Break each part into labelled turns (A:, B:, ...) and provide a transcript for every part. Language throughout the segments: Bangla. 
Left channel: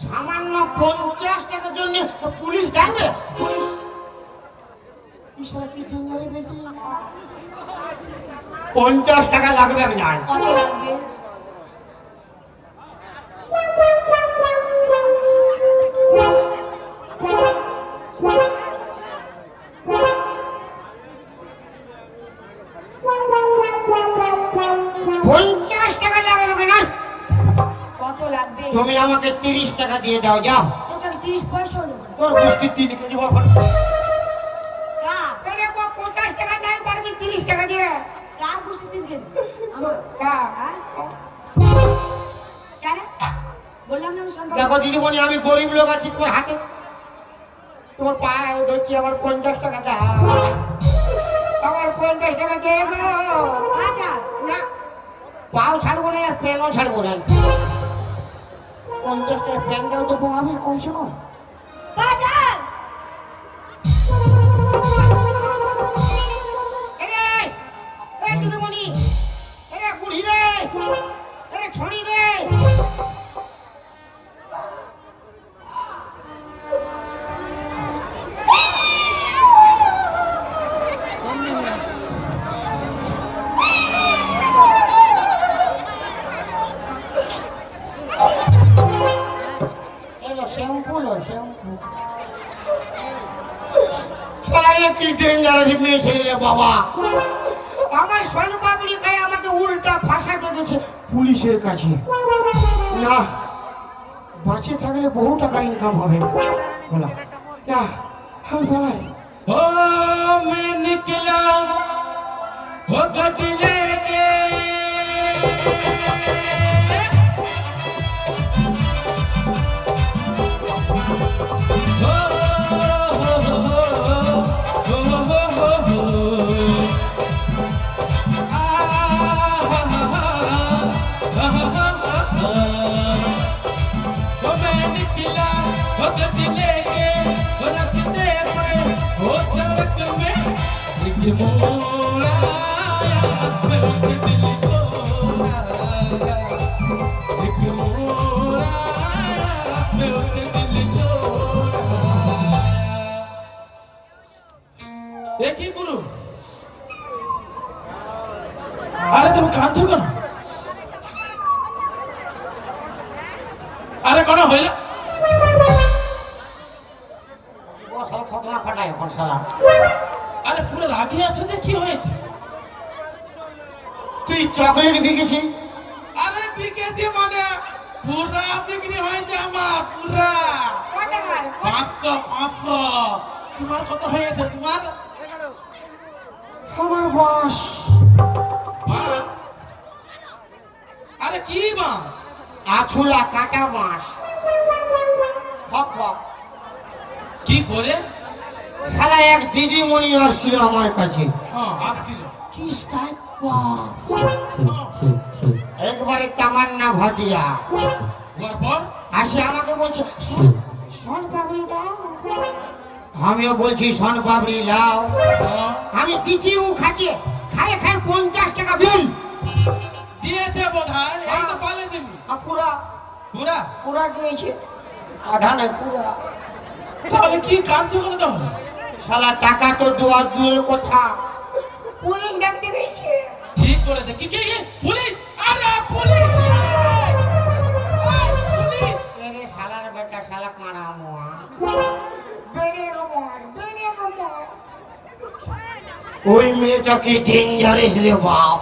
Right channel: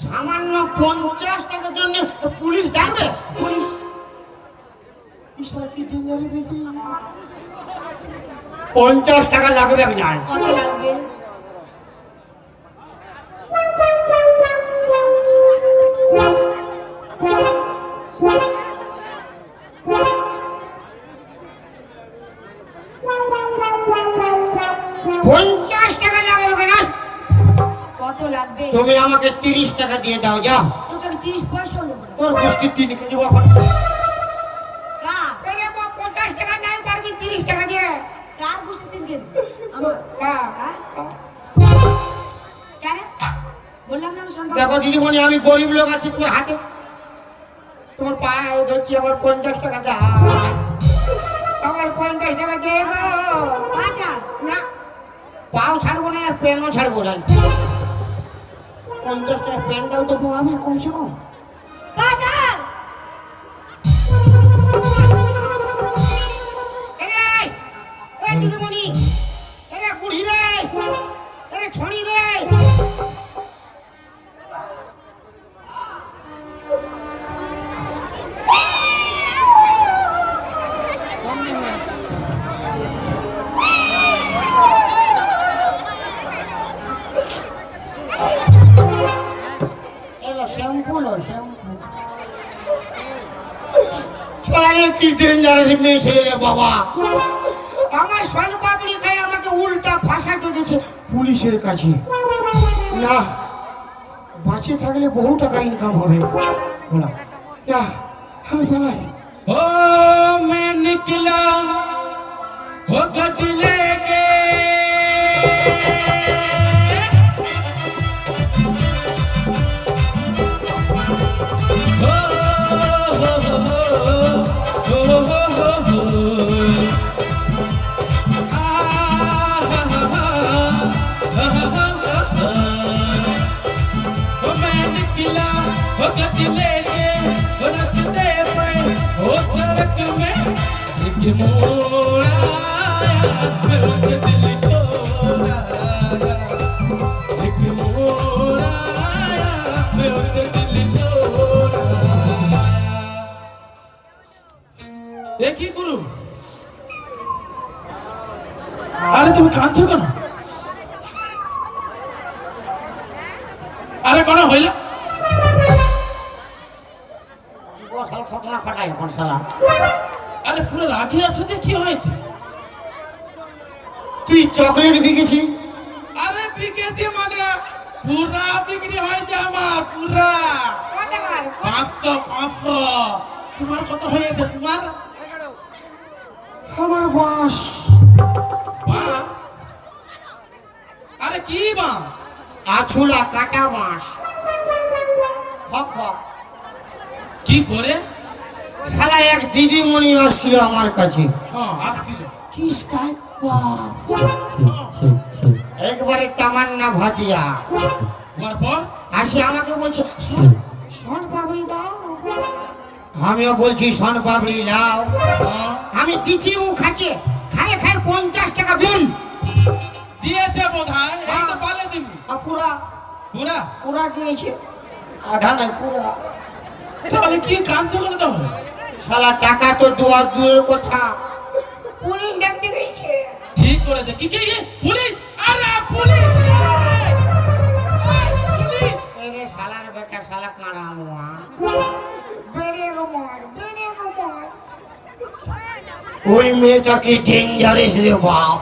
A: সামান্য পঞ্চাশ টাকার জন্য পুলিশ ডাকবে?
B: পুলিশ।
A: পঞ্চাশ টাকা লাগবে না
B: কত লাগবে?
A: গোষ্ঠী তিন কেজি এখন পঞ্চাশ টাকা নাই পারবি তিরিশ টাকা দিয়ে।
B: কার খুশি দিন কেন আমার।
A: হ্যাঁ।
B: হ্যাঁ? কেন? বললাম না আমি শোন।
A: দেখো দিদিমণি আমি গরিব লোক আছি তোমার হাতে তোমার পায়ে ধরছি আমার পঞ্চাশ টাকা দাও আমার পঞ্চাশ টাকা দিয়ে গো।
B: আচ্ছা।
A: না। পাও ছাড়বো না আর পেনও ছাড়বো না। পঞ্চাশ টাকা পেনটাও দেবো আমি কমছে কম। এরে পুলিশের কাছে না বাঁচে থাকলে বহু টাকা ইনকাম হবে বলা না আমি বলাই
C: हो मैं निकला हो गट लेके हो, हो, हो, हो, हो गट लेके हो रस्ते पे हो सड़क में एक मोड़ পুরা বিক্রি হয়েছে আমার পুরা। পাঁচশো পাঁচশো। তোমার কত হয়েছে তোমার?
A: আমার বাস?
C: আরে কি বাঁশ
A: আছুলা কাটা হক
C: কি করে?
A: শালা এক দিদিমণি আসছিল আমার কাছে।
C: হ্যাঁ আসছিল।
A: কি স্টাইল? একবারে তামান্না ভাটিয়া। আসি আমাকে বলছে সন পাবলি দাও। আমিও বলছি সন পাবলি দাও।
C: হ্যাঁ,
A: আমি দিচ্ছি ও খাচ্ছে খায় খায় পঞ্চাশ টাকা বিল।
C: দিয়েছে বোধ হয় এই তো পালে দিবি।
A: পুরা?
C: পুরা?
A: পুরা দিয়েছে। আধা নয় পুরা।
C: তাহলে কি কাঁদছো কেন তাহলে
A: শালা টাকা তো দুয়ার দূরের কথা। পুলিশ গেছে
C: করেছে কি কি? পুলিশ? আরে পুলিশ
A: শালার বেটা শালা ওই মেয়েটা কি ডেঞ্জারেস রে বাপ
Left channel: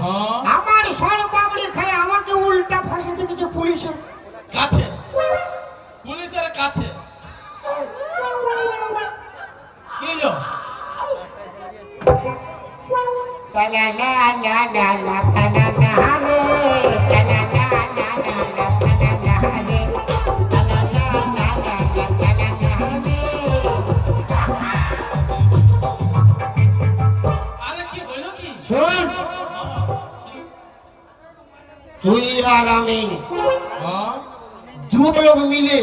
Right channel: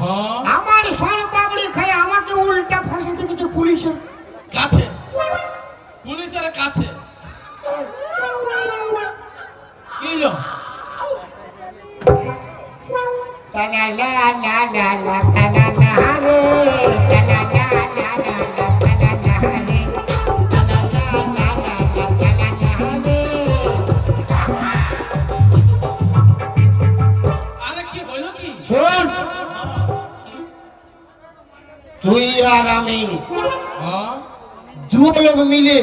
C: হ্যাঁ
A: আমার সর পাবলি খায় আমাকে উল্টা ফাঁসে দিয়েছে পুলিশের
C: কাছে পুলিশের কাছে কি হলো
A: তালা লা লা লা লা তালা লা রে তালা লা লা লা লা তালা লা রে তালা লা লা লা লা তালা লা রে
C: আরে কি হলো কি
A: শোন তুই আর আমি দু লোক মিলে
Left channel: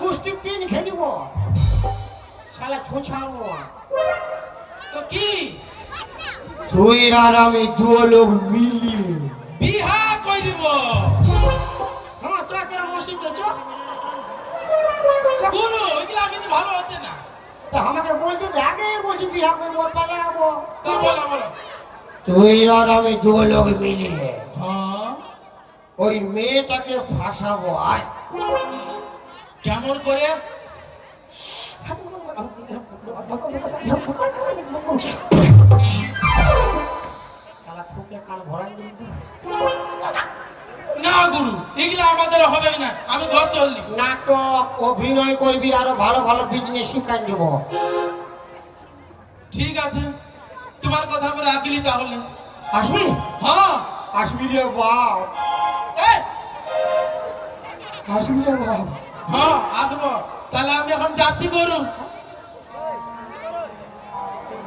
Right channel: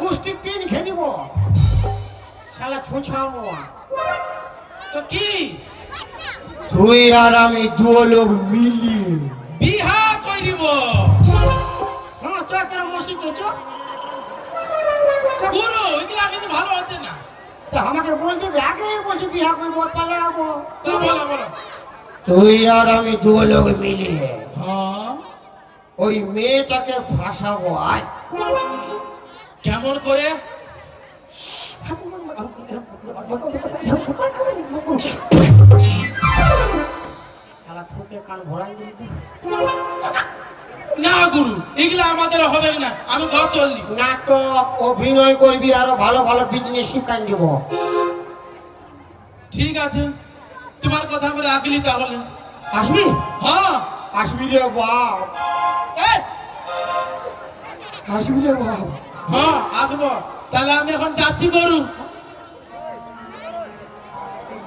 A: গোষ্ঠী পিন খেয়ে দিব ছোছামো
C: তো কি
A: তুই আর আমি দু লোক মিলিয়ে
C: বিহা করিব
A: হ্যাঁ চ তোর মসজিদে।
C: গুরু এগুলা কিন্তু ভালো হচ্ছে না
A: তা আমাকে বলতে দে আগেই বলছি বিয়া করব পালাবো
C: তা বলো বলো
A: তুই আর আমি দু লোক মিলিয়ে
C: হ্যাঁ
A: ওই মেয়েটাকে ফাঁসাবো আর
C: কেমন করে না গুরু এগুলা আমাদের হবে না। আমি ঘর চললি।
A: নাটক অভিনয় করবি আরও ভালো ভালো বিজনেস শিখাই দিব।
C: ঠিক আছে। তোমার কথা বলে রাখলি তাহলে।
A: আসবি?
C: হ্যাঁ।
A: আসবি রে বাপ আসবি রে বাপ
C: হ্যাঁ আসব। তাহলে আমি এখন যাচ্ছি গরু।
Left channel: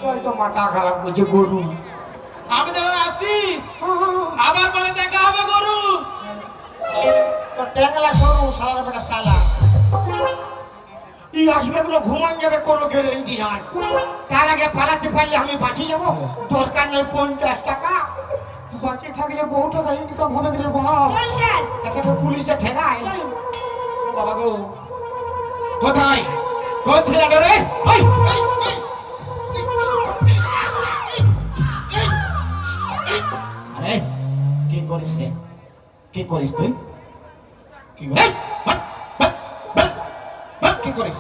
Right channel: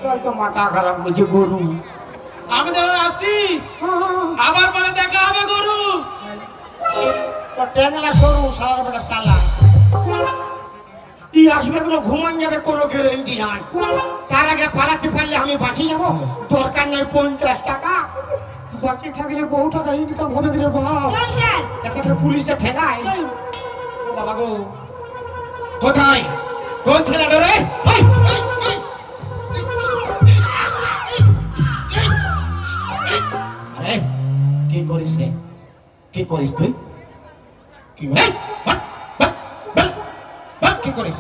A: হয়তো মাথা খারাপ বুঝি গরু
C: আমি যখন আসি। আবার বলে দেখা হবে গরু।
A: তো ট্যাংলা সরু সারা বেটা সালা ই আসবে ঘুমান যাবে কোনো গ্যারেন্টি নাই। তার আগে পালাতে পারলে আমি বাঁচি যাব দরকার নেই পঞ্চাশ টাকা। বাঁচিয়ে থাকলে বহু টাকা ইনকাম হবে পুলিশটা ঠেকায়। বাবা গো।
C: কোথায়? কোন ছেলেটা রে? ওই, ওই, করিস রে কি করিস তুই? কি করিস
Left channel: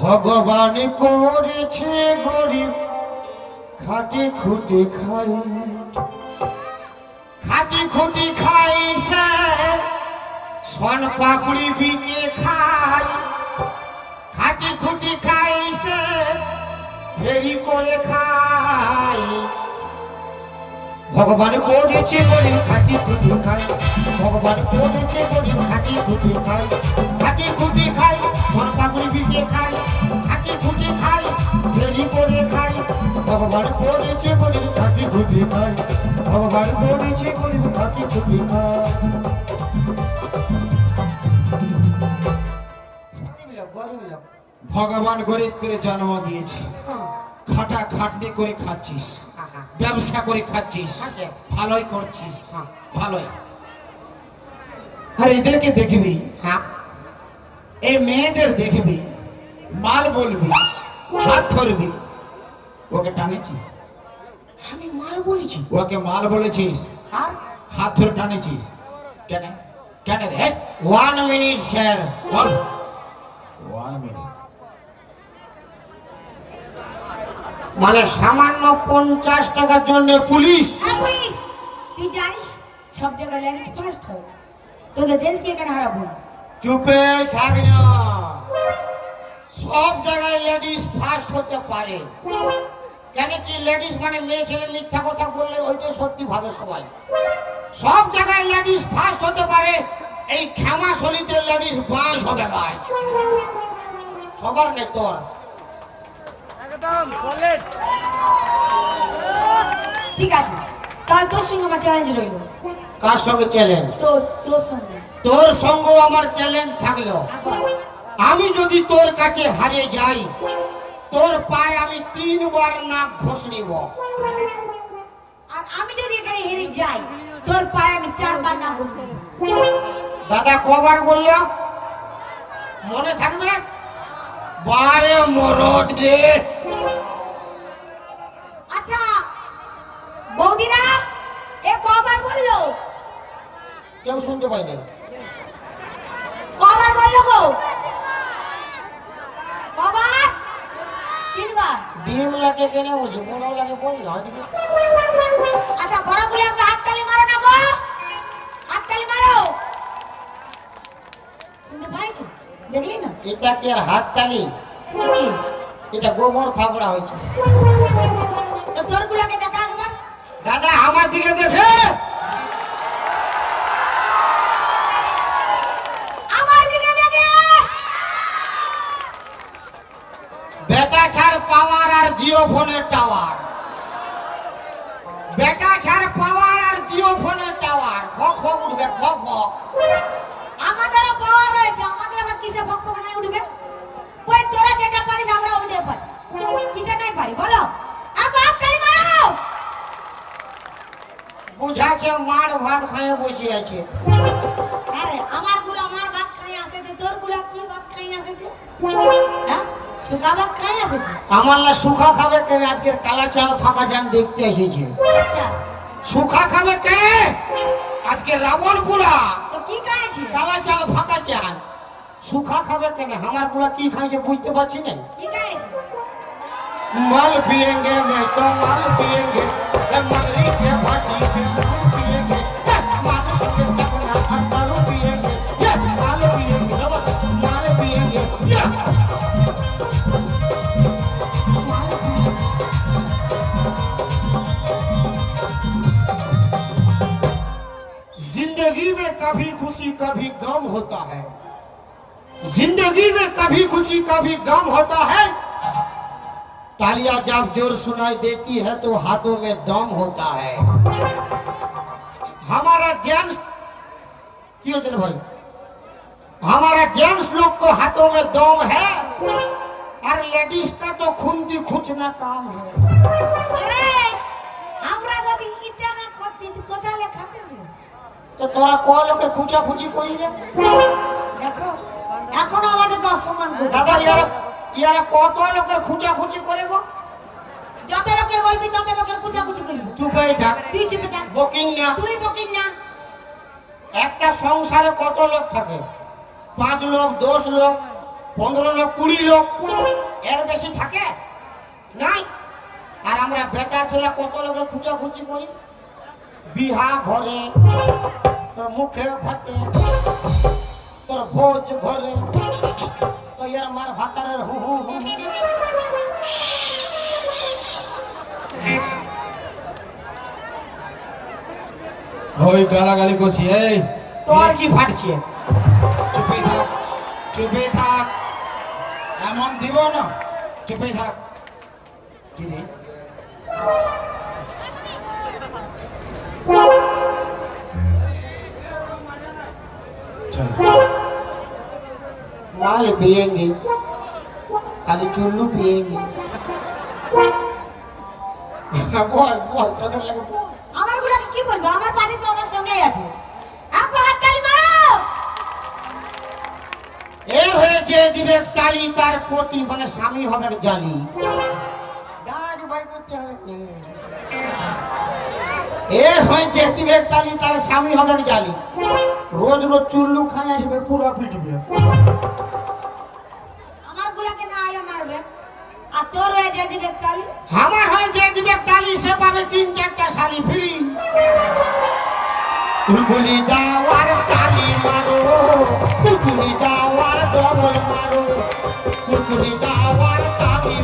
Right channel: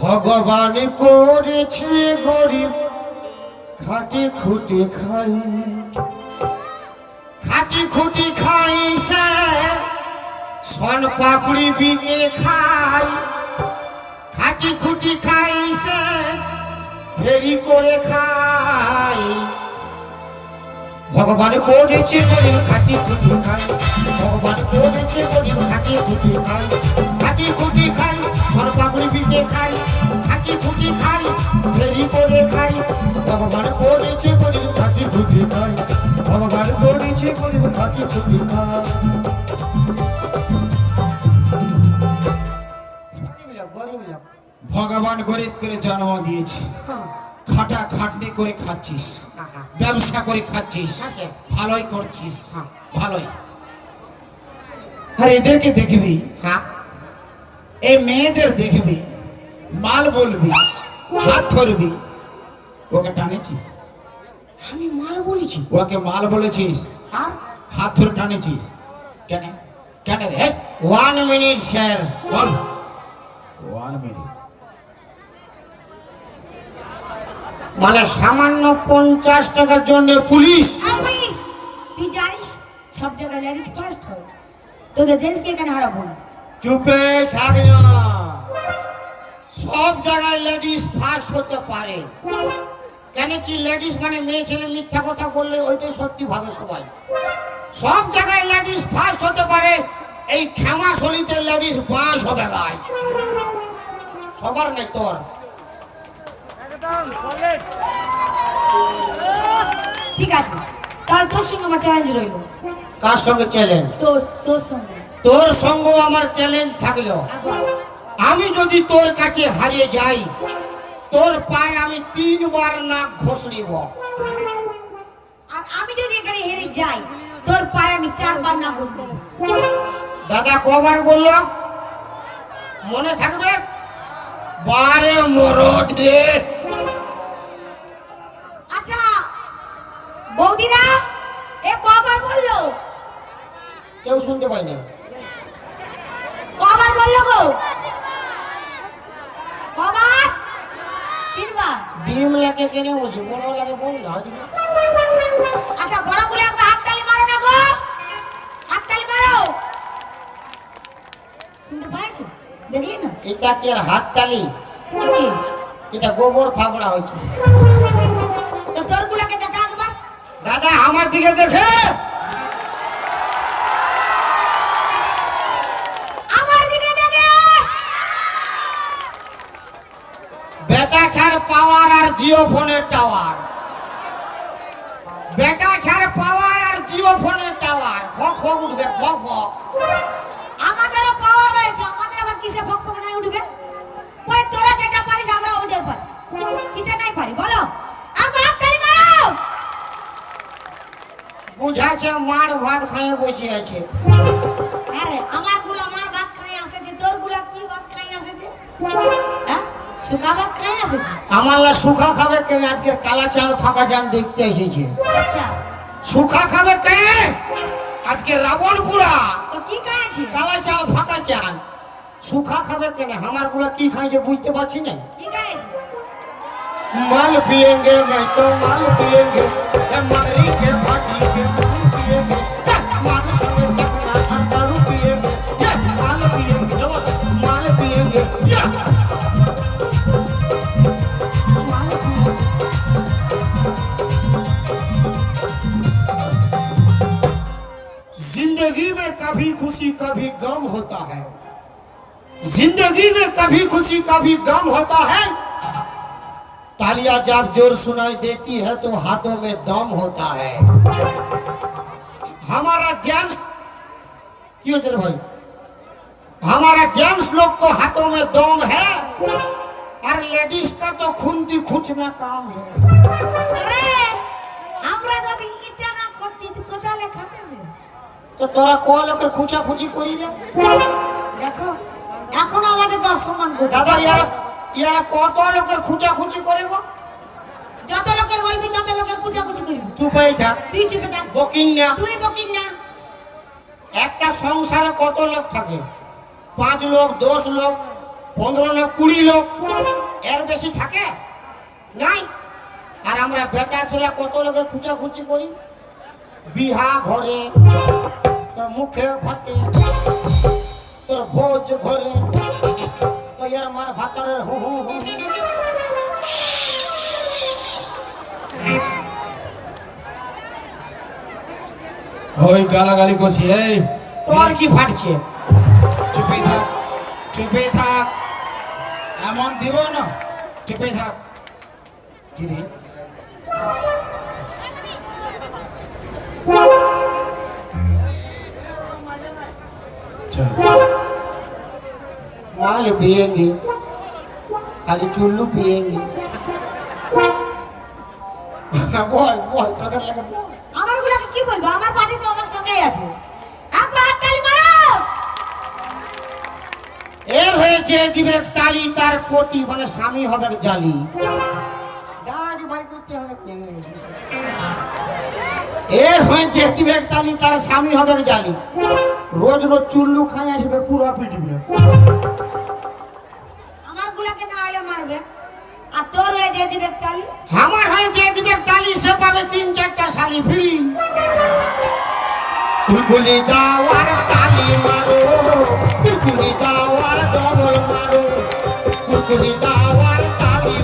A: ভগবান করেছে গরিব, খাটে খুটে খাই। খাটি খুটি খাই সে, সন পাপড়ি বিকে খাই। খাটি খুটি খাই সে ফেরি করে খাই। ভগবান করেছে গরিব খাটি খুটি খাই ভগবান করেছে গরিব খাটি খুটি খাই খাটি খুটি খাই পাপড়ি বিকে খাই খাটি খুটি খাই ফেরি করে খাই ভগবান করেছে গরিব খাটি খুটি খাই ভগবান করেছে গরিব খাটি খুটি খাই
D: ভগবান গরিব করে জন্ম দিয়েছে। খাটা খাটনি করে খাচ্ছিস ব্যবসা করে খাচ্ছিস
A: আছে।
D: ভালোই করছিস
A: হ্যাঁ।
D: ভালোই। আর এদেরকে দেখবি
A: হ্যাঁ।
D: এই মেয়েদের দেখবি মাল বলবি হাত ধরবি ওকে টানেছিস?
A: আমি মাল বলেছি।
D: ওকে মাল বলেছিস? হাত ধরে টানেছিস? কেন? কেন রে?
A: ওয়ান মিনিট স্যার
D: বল। ওয়ান মিনিট
A: মানে সামান্য পঞ্চাশ টাকার জন্য পুলিশ।
B: হ্যাঁ পুলিশ। তুই জানিস সব জায়গায় লেডিস ফার্স্ট হয়। তোদের দেশকে এখানে হারাবো
A: চুপে থাক না। সব জায়গায় লেডিস ফার্স্ট হতে পারে। কেন কি লেডিস মানে মেয়ে ছেলে মিথ্যা কথা বললে ওইটাই সত্যি ভাবে সবাই। সব জায়গায় লেডিস ফার্স্ট হতে পারে। এই ক্ষমা শলিতে লেডিস বাঁশ হবে গাছ সবার নেই তোর।
B: ঠিক আছে। তাহলে তোর সঙ্গে আমার চ্যালেঞ্জ রইল?
A: কার সঙ্গে চ্যালেঞ্জ
B: তোর তোর সঙ্গে।
A: তোর সঙ্গে আমার চ্যালেঞ্জ থাকল। আমি যদি তোর কাছে হারিয়ে যাই তোর পায়ে আমি তিনবার নাক ঘষ নিব
B: আর আমি যদি এখানে হেরে যাই তোর পায়ে আমি চারবার না বসবো
A: দাদা কবার বলল? মনে থাকবে? বারে মরদ রে।
B: আচ্ছা বৌদিরা এ কবার বলল?
A: কেউ শুনতে পাইনি
B: কবার বলল গো? কবার? তিনবার?
A: ডিম লাগে কেন বুঝি বড় লাগে বল না
B: আচ্ছা বড় দেখলি না?
A: এটা কি আর হাত তালি
B: এ কি?
A: এটা গোবর থাপড়া হয়েছে। দাদা, আমার দিকে দেখে। বেটা ছাড় পাওয়ার আর জিও ফোনের টাওয়ার। বেটা ছাড় পাওয়ার আর জিও ফোনের টাওয়ার। ফক ফক উঠবে ফক ফক
B: হাততালি মারো
A: মার ভাত খাইয়ে বসে আছে
B: আরে আমারগুলো আমার ভাত খাই আসেছে তোরগুলো কি ভাত আসেছে? হ্যাঁ? শুকা ভাত খাই আসেছে?
A: আমার লা সুখা খাবে কেন? আজকে কালা চাল ফাঁকা চাল দেখতে এসেছে।
B: আচ্ছা।
A: সুখা খাবে কেন? আজকে রাবণ পুরা
B: তো কি খাইছে
A: কালা চাল ফাঁকা চাল। সুখা খাবে কেন? আমারগুলা কি খাইছে বুঝতে পারছি না।
B: কি খাইছে
A: मल पिएँगे नहीं तो मल पिएँगे मलरी के पानी के मल पिएँगे ज़िंदगी में कभी खुशी, कभी गम होता है। ज़िंदगी में कभी खुशी, कभी गम होता है। तालियां जब जोर सुनाई देती है तो हाथों में दम होता है हमारा जेंट्स क्यों तेरे भाई हमारा जेंट्स लोग को हाथों में दम है और लेडीज का तो खुंदी खुचना काम है
B: আরে আমরা যদি এটা না করতে তো কোথালে খাতেছে
A: तो तोरा कॉल कर खुचा खुची करी रे
B: দেখো এখনো আমাদেরকে অসম্মান করছে
A: দাদা ইয়ারা কত লোকের খুচা খুচি করে গো
B: যত লোকের বলবি তত লোকের কুচাকুচি করবি।
A: চুপাই থাক।
B: তুই চুপে থাক।
A: বুকিং না।
B: তুই বকিস না।
A: একটা সংসারে কত লোক থাকে? পাঁচ লোক দশ লোক পনেরো লোক কুড়ি লোক। এর বেশি থাকে? নাই? আর আমরা বেটা ছেলে কত লোকের খুচাখুচি করি? বিহা ঘরে তোর মুখে ভাতে তোর ভোজ ঘরে। এর মার ভাতরের হু হু হু।
D: ওই গালাগালি করছি এই।
A: তোর কি ফাটছে
D: চুপে থাক চুপে থাক। এমন দিব না। চুপে থাক। কি রে? চল।
A: తాళి పియ్యంగి అది చుళ్ళు పియ్యంగి বল বল তোদের লাগে
B: আমার গুলাকে কি বলব? আমার পার্টি তো আমার সঙ্গেই আছে। আপা তালি মারো!
A: এর হয়েছে দিবে তালি তার কোটি মানে স্বামী হবে জালি। দাঁড়ি বাড়ি করতে হবে। এর হয়েছে দিবে তালি তার স্বামী হবে জালি। রোজ রোজ চুল্লু খাই আসবে পুরো পিটবে
B: হয়ে যে দিবে তালি
A: আমার সে পাবে তিন চারটা শাড়ি ফ্রি। গুলি যাওয়ার তালি মারো গুলি যাওয়ার ডবল মারো। গুলি যাওয়ার তালি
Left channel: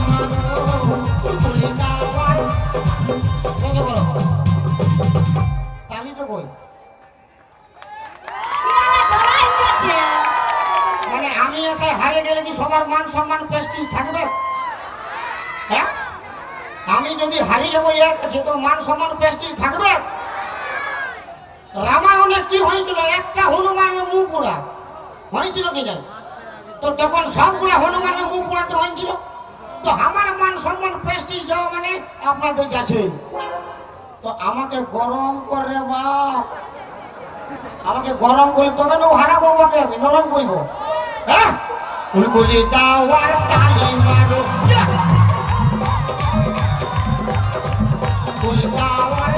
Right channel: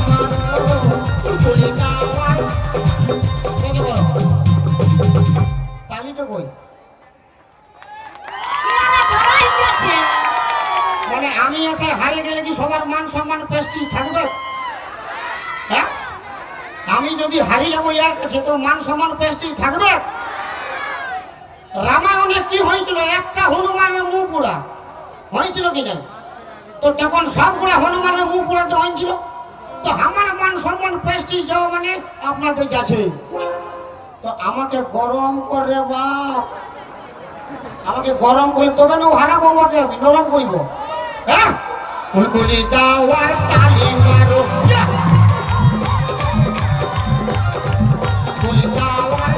A: মান পেস্টিস যাওয়া মানে আপনাদের কাছে। তো আমাকে গরম করে বাপ। আমাকে গরম করে তবে না হারাবো আমাকে আমি নরম করিব। হ্যাঁ? গুলি দাওয়ার তালে মারো। গুলি দাওয়ার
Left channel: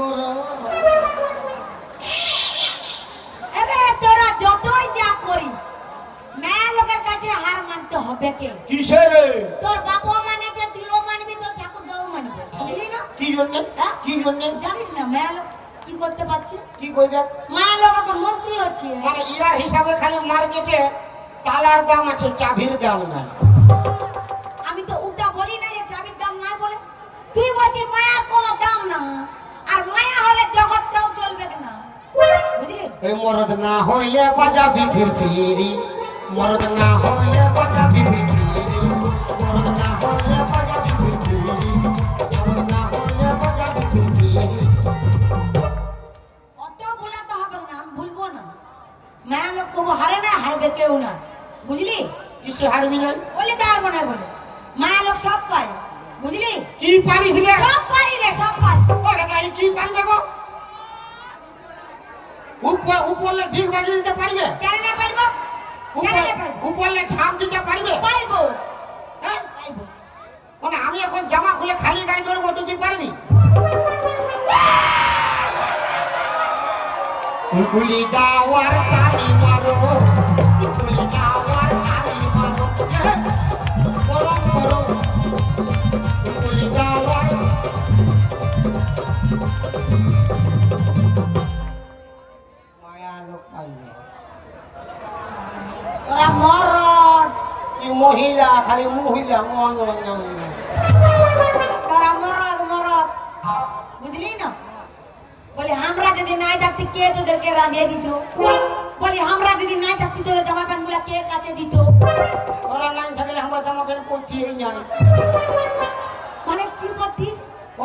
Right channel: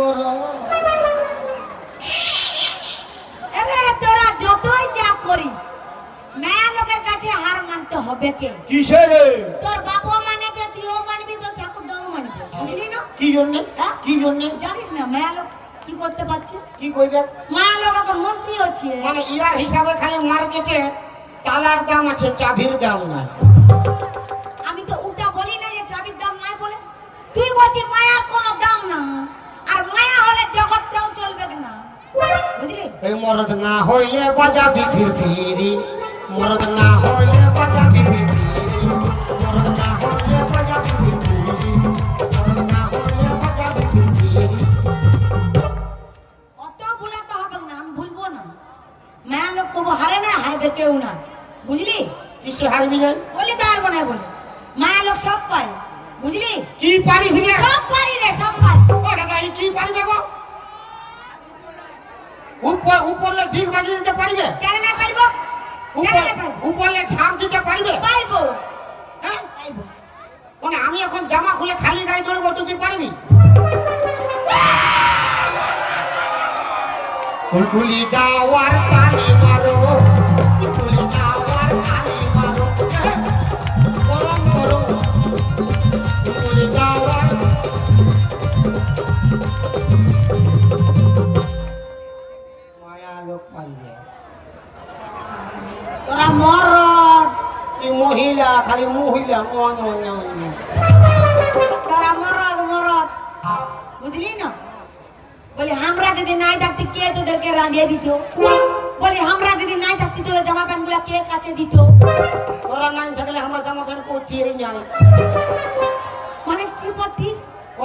A: করো।
B: আরে তোরা যতই যা করিস মেয়ে লোকের কাছে হার মানতে হবে কে?
A: কিসে রে?
B: তোর বাপও মানেছে তুইও মানবি তোর ঠাকুর দাও মানবে। বুঝলি না?
A: কি জন্য? কি জন্য?
B: জানিস না মেয়ে লোক কি করতে পারছে?
A: কি করবে?
B: মায়া লোক এখন মন্ত্রী হচ্ছে।
A: মানে ইয়ার হিসাবে খালি মার্কেটে তালার দাম আছে চাবির দাম নাই।
B: আমি তো উল্টা বলি না যে চাবির দাম নাই বলে। তুই বলছিস মায়ার কোনো দাম না আর মায়া হলে জগৎটাও চলবে না
A: ওই মরদ না হইলে বাজাবি ফির ফিরি মরদ না হইলে বাজাবি ফির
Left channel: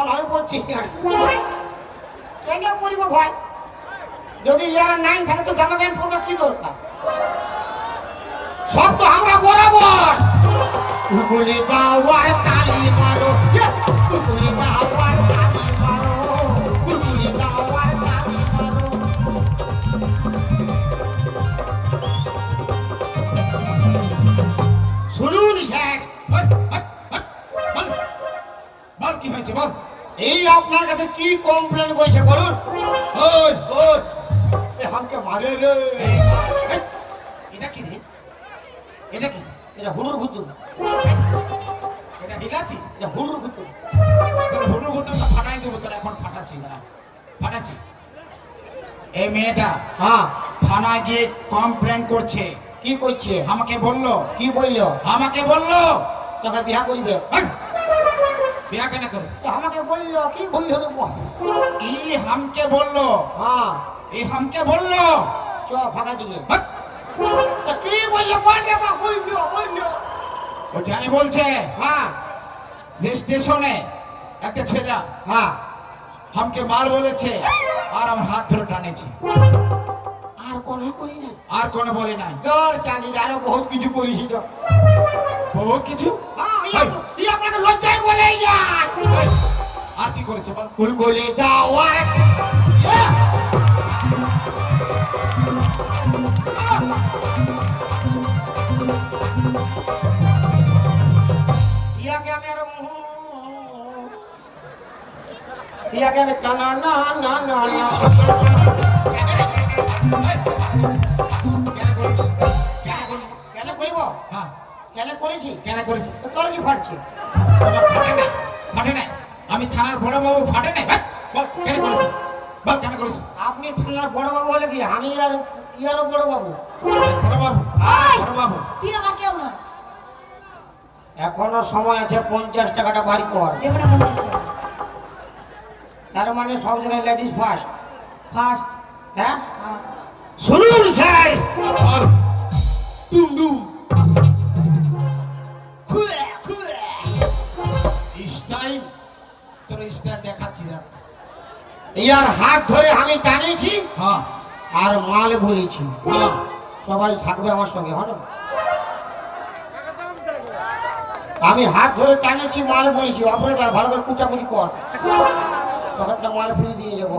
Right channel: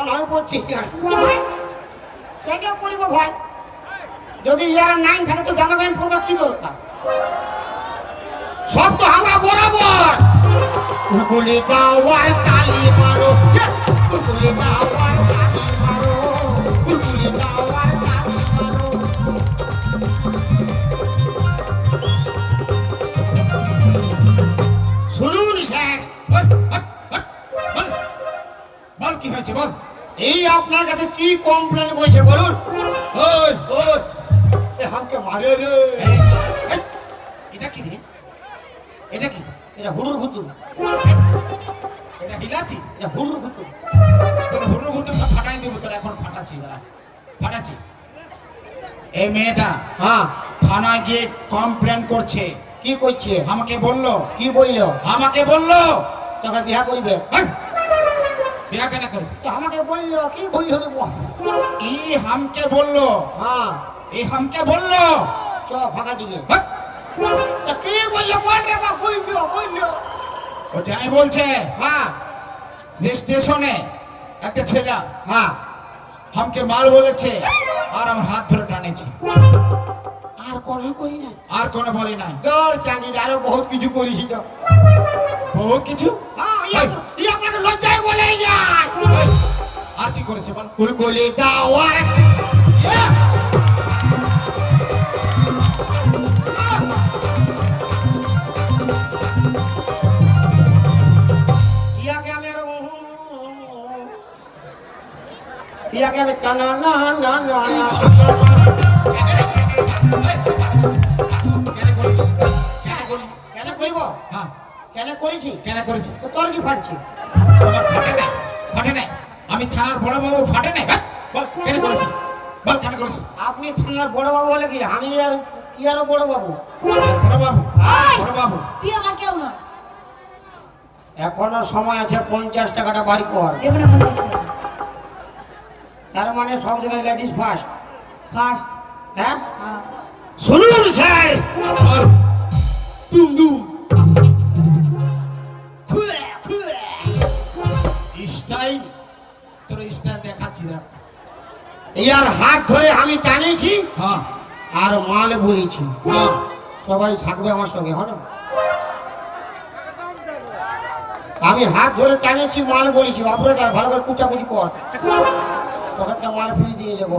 B: কোন
A: আমি
B: মানে
A: কেন করিব ভাই যদি ইয়ারা নাইন থাকে তো জামা প্যান্ট কি দরকার সব তো আমরা বরাবর কুকুলি দাওয়ার তালি মারো কুকুলি দাওয়ার তালি মারো কুকুলি দাওয়ার তালি মারো শুনুন স্যার
D: বল, বল, বল, বল। বল কি হয়েছে বল
A: এই আপনার কাছে কি কমপ্লেন করেছে বলুন?
D: ওই ওই।
A: হামকে মারে রে।
D: এটা কি রে? এটা কি?
A: এটা হুড়ুর ঘুতু
D: এটা হিলাচি?
A: এটা হুড়ুর ঘুতু
D: তোর হুড়ু হুতু ফাটাই দেবো তোর এখন ফাটাচ্ছি দাঁড়া। ফাটাচ্ছি। এই মেয়েটা
A: হ্যাঁ।
D: থানায় গিয়ে কমপ্লেন করছে।
A: কি করছে?
D: আমাকে বলল।
A: কি বলল?
D: আমাকে বলল।
A: তোকে বিয়া করিবে।
D: হ্যাঁ, বিয়া কেন করো?
A: আমাকে বলল কি বলল
D: ই হামকে বলল।
A: হ্যাঁ।
D: ই হামকে বলল।
A: চ ফাঁকা দিকে।
D: হ্যাঁ,
A: তা কি বলল বল রে বাবা বলল বলল।
D: ও যাই বলছে।
A: হ্যাঁ।
D: যে স্টেশনে একটা ছেলে
A: হ্যাঁ।
D: হামকে মাল বলেছে আর আমার হাত ধরে টানেছি।
A: আর কোনো করি না
D: আর কোনো বলে নাই।
A: দর চাঁদির আরও বহুত কিছু করিস তো।
D: বহু কিছু?
A: হ্যাঁ
D: করেছে
A: কুলকুলি ইয়াকে আমি না না না কেন করিব?
D: হ্যাঁ।
A: কেন করেছি?
D: কেন করেছি?
A: তো তোর কি ফাটছে
D: আমার ফাটে নাই ফাটে নাই আমি থানার বড় ফাটে নাই? হ্যাঁ, বল কেন করেছি বল কেন করেছি
A: আপনি থানার বড় হলে কি? আমি আর ইয়ারও বড় বাবু।
D: বড় বাবু
B: এই!
D: বড় বাবু।
B: তুই আমার কেউ না?
A: এখনও সময় আছে পঞ্চাশ টাকাটা বাড়ি কর। তার মানে সব জায়গায় লেডিস ফার্স্ট
B: ফার্স্ট
A: হ্যাঁ? শুনুন স্যার। ইয়ার হাত ধরে আমি টানিয়েছি
D: হ্যাঁ।
A: আর মাল ভুলেছি
D: হ্যাঁ।
A: সবাই থাকবে আমার সঙ্গে হলো? আমি হাত ধরে টানেছি মাল বলেছি অপারেটার ভালো করে কুচাকুচি কর। তখন একটা মাল ফিরে দিয়ে যাব।